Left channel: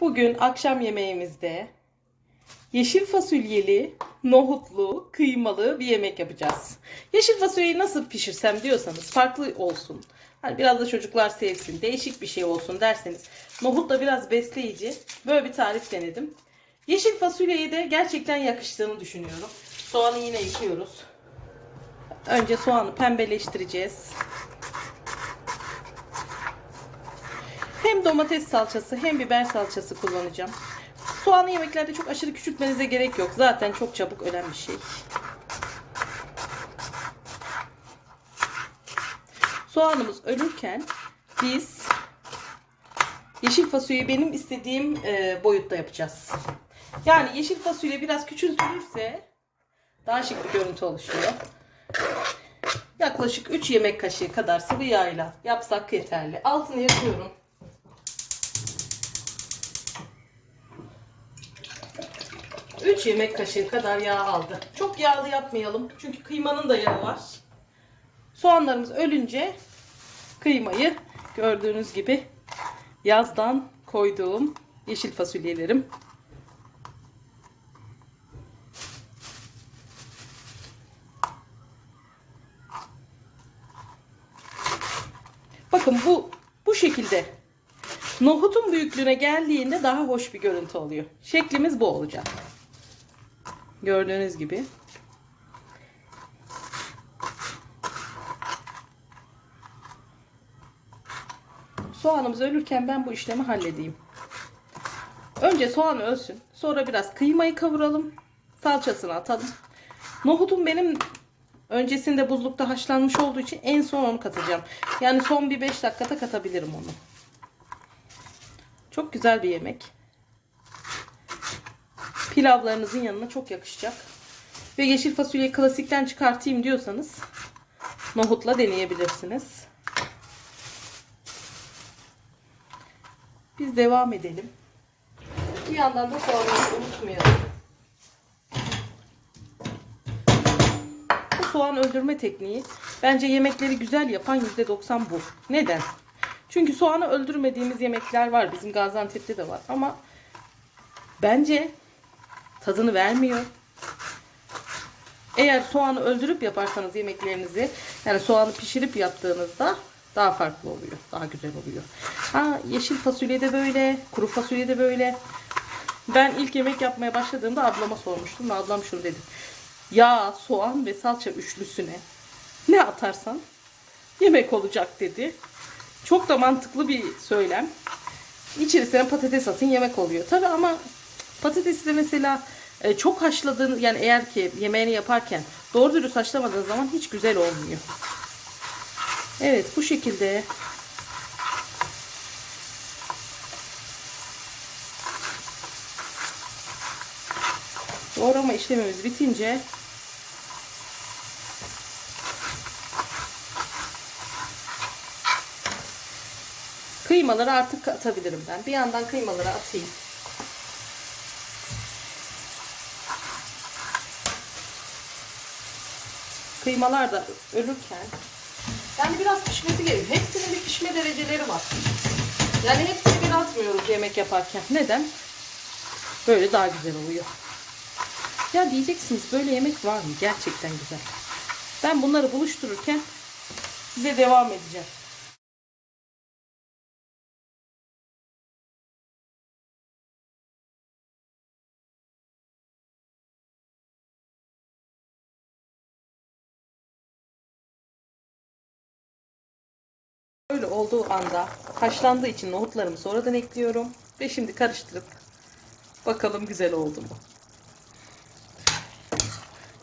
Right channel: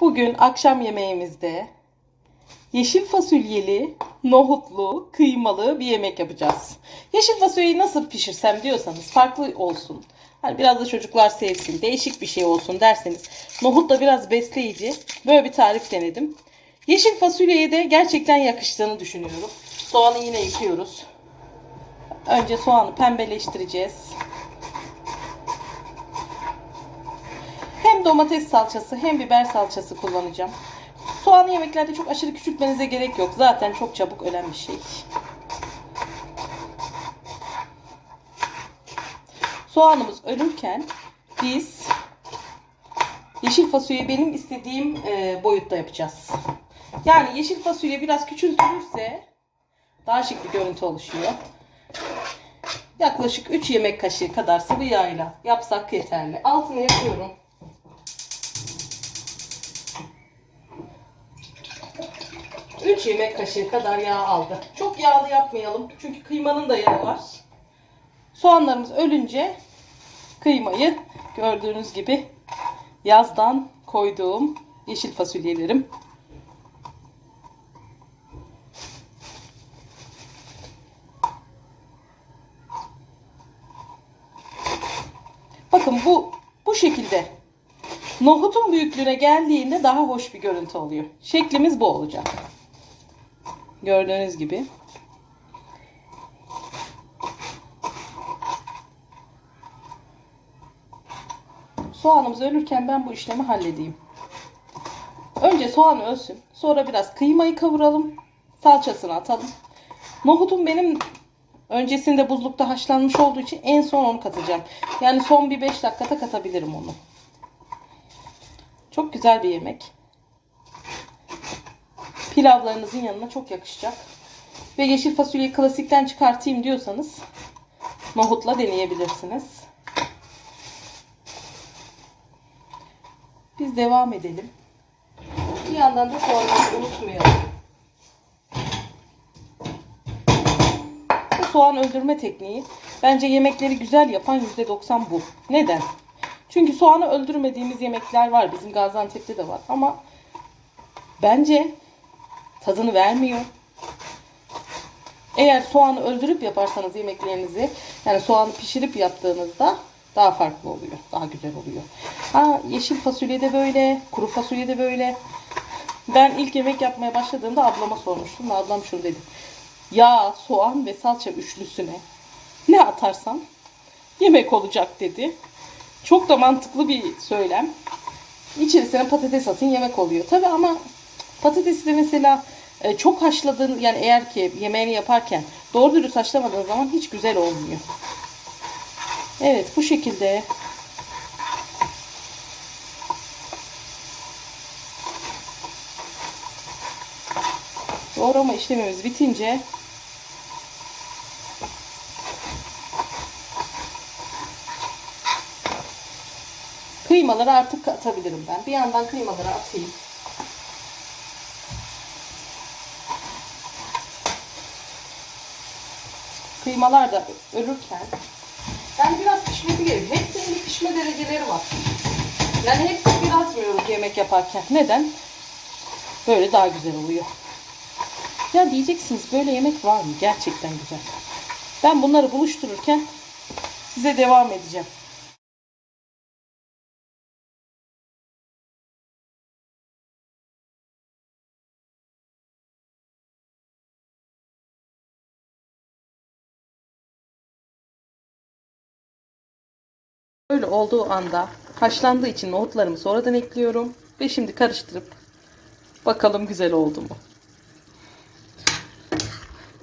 Bugün akşam yemeğimizde yeşil fasulyeli, nohutlu, kıymalı bir yemek yapacağız. Yeşil fasulyeyi nasıl pişirsem diyorsanız farklı olsun. Hani biraz da çocuklar sevsin, değişik bir şey olsun derseniz nohut da biraz besleyici. Böyle bir tarif denedim. Yeşil fasulyeye de gerçekten yakıştığını düşünüyorum. Soğanı yine yıkıyoruz. Önce soğanı pembeleştireceğiz. Hem domates salçası hem biber salçası kullanacağım. Soğanı yemeklerde çok aşırı küçültmenize gerek yok. Zaten çok çabuk ölen bir şey. Soğanımız ölürken biz yeşil fasulyeyi benim istediğim e, boyutta yapacağız. Yani yeşil fasulye biraz küçültülürse daha şık bir görüntü oluşuyor. Yaklaşık 3 yemek kaşığı kadar sıvı yağıyla yapsak yeterli. Altını yakıyorum. Üç yemek kaşığı kadar yağ aldı. Çok yağlı yapmayalım. Çünkü kıymanın da yağı var. Soğanlarımız ölünce kıymayı gördüğünüz gibi yazdan koyduğum yeşil fasulyelerim. Bakın bu bu şekilde nohutun büyüklüğüne geldiğinde daha hoş bir görüntü oluyor. Şeklimiz bu olacak. Gördüğünüz gibi. Soğanımız ölürken ben bu işlemi halledeyim. Önce soğan ölsün. Sonra biraz kıymayı kavuralım. Salçasını atalım. Nohutum benim öncesinde buzlukta haşlanmış olduğu için en son onu katacağım. Yani son bir 5 dakikada katabilirim onu. Çok güzel bir yemek. Pilavlarınızın yanına çok yakışacak. Ve yeşil fasulyeyi klasikten çıkartayım diyorsanız nohutla deneyebilirsiniz. Biz devam edelim. Bir yandan da soğanları unutmayalım. Bu soğan öldürme tekniği bence yemekleri güzel yapan %90 bu. Neden? Çünkü soğanı öldürmediğimiz yemekler var. Bizim Gaziantep'te de var. Ama bence tadını vermiyor. Eğer soğanı öldürüp yaparsanız yemeklerinizi yani soğanı pişirip yaptığınızda daha farklı oluyor. Daha güzel oluyor. Ha, yeşil fasulye de böyle, kuru fasulye de böyle. Ben ilk yemek yapmaya başladığımda ablama sormuştum. Ablam şunu dedi. Yağ, soğan ve salça üçlüsüne ne atarsan yemek olacak dedi. Çok da mantıklı bir söylem. İçerisine patates atın yemek oluyor. Tabi ama patatesi de mesela e, çok haşladığın yani eğer ki yemeğini yaparken doğru dürüst haşlamadığın zaman hiç güzel olmuyor. Evet bu şekilde doğrama işlemimiz bitince kıymaları artık atabilirim ben. Bir yandan kıymaları atayım. Kıymalar da ölürken yani biraz pişmesi gerekiyor. Hepsinin bir pişme dereceleri var. Yani hepsini bir atmıyoruz yemek yaparken. Neden? Böyle daha güzel oluyor. Ya diyeceksiniz böyle yemek var mı? Gerçekten güzel. Ben bunları buluştururken size devam edeceğim. Böyle olduğu anda haşlandığı için nohutlarımı sonradan ekliyorum. Ve şimdi karıştırıp bakalım güzel oldu mu?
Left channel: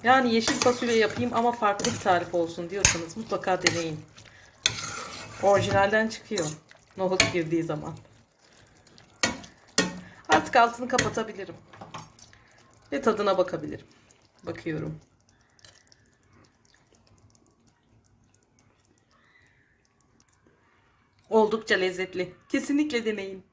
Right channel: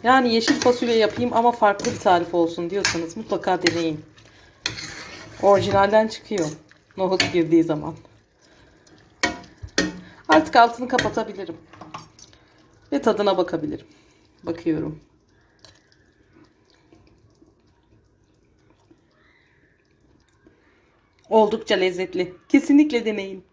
Yani yeşil fasulye yapayım ama farklı bir tarif olsun diyorsanız mutlaka deneyin. Orijinalden çıkıyor. Nohut girdiği zaman. Artık altını kapatabilirim. Ve tadına bakabilirim. Bakıyorum. Oldukça lezzetli. Kesinlikle deneyin.